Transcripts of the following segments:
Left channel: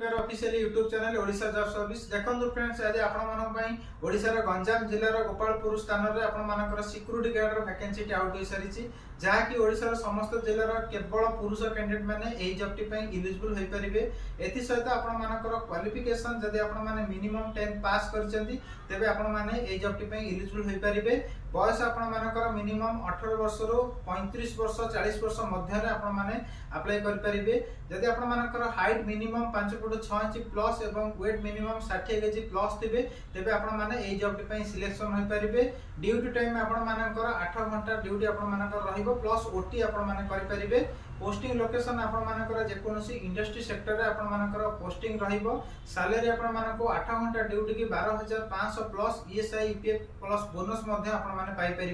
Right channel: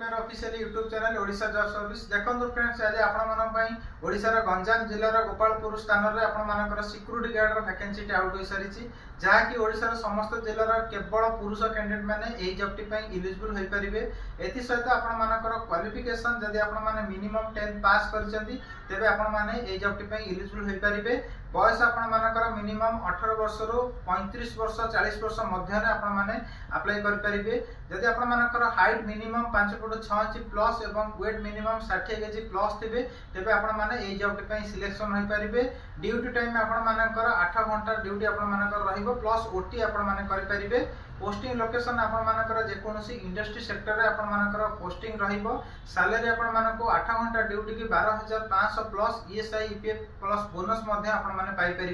Official YouTube channel Odisha job service देखो friends आज आपण ओडिशार गंजाम जिलार गोपालपुर स्थान में आपण सिक्यूरीटी गार्ड वैकेंसी आउट हो सारी जहाँकि ओडिशार समस्त जिलार केवल पुरुष कैंडिडेट मैंने यही जॉब टी इलिजिबल हो पारे। एसत आपर क्वालिफिकेशन जदि आपने मिनिमम 10 पास करे आपने जॉब टी इलिजिबल हो पारे। बयस आपर मिनिमम 18 वर्ष रु 35 वर्ष 40 वर्ष मध्य आपने अप्लाई करेंगे। जदि आपर height minimum 5 foot 6 inch plus एवं वेट मिनिमम 60 केजी प्लस थे तेज आपने जॉब टी सिलेक्शन हो पारे। ड्यूटी टाइम आपर 8 घंटा ड्यूटी आप प्लस ओटी आपरे। पोस्टिंग लोकेशन आपर जेकोसी इंडस्ट्री सेक्टर में आपर पोस्टिंग सैलरी आपको 8 घंटा ड्यूटी की 12,500 plus ESI EPF plus bonus Piper.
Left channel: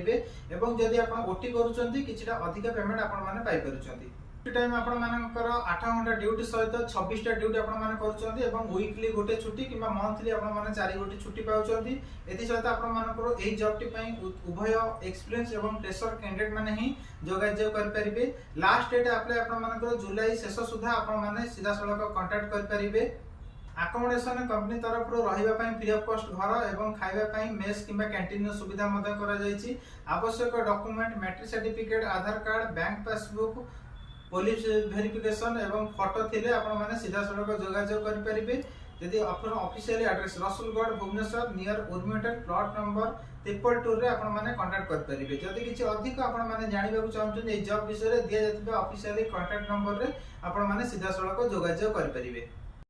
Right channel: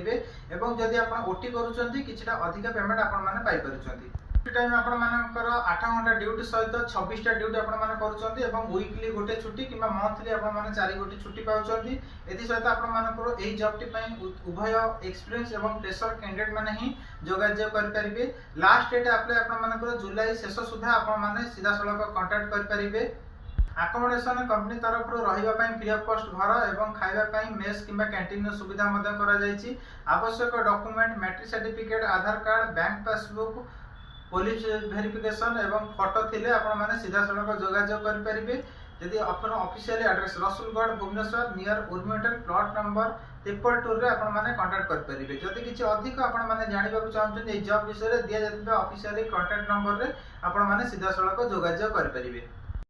एवं जदि आप ओटी करूँ कि अधिक पेमेंट आपरे। टाइम आपर 8 घंटा ड्यूटी सहित 26टा ड्यूटी आपन वीकली गोटे छुट्टी कि मंथली आपने 4 गोटी छुट्टी पाँच। एसत आपर जॉब टी उभय एक्सपीरियंस एवं प्रेशर कैंडिडेट मैंने ही जोगाजोग करेंगे। लास्ट डेट अप्लाई आपर जुलाई शेष सुधा आपने सीधा सड़क कंटाक्ट करेंगे। आकोमोडेशन कंपनी तरफ रही फ्री ऑफ कॉस्ट घर और खावाई मेस कि कैंटीन सुविधा आवश्यक document matric certificate Aadhaar card bank passbook police verification एवं फोटो थिले आपने सीधा सड़क जोगाजोग करेंगे। जदि official address Rasulgarh Bhubaneswar near उर्मिटल प्लॉट नंबर 222 रे आपने कांटेक्ट करेंगे। जदि किसी अधिक आपने जानवा चाहते जॉब विषय में दि जाता ऑफिशियल कांटेक्ट नंबर रे आपने सीधा सड़क जोगाजोग करेंगे।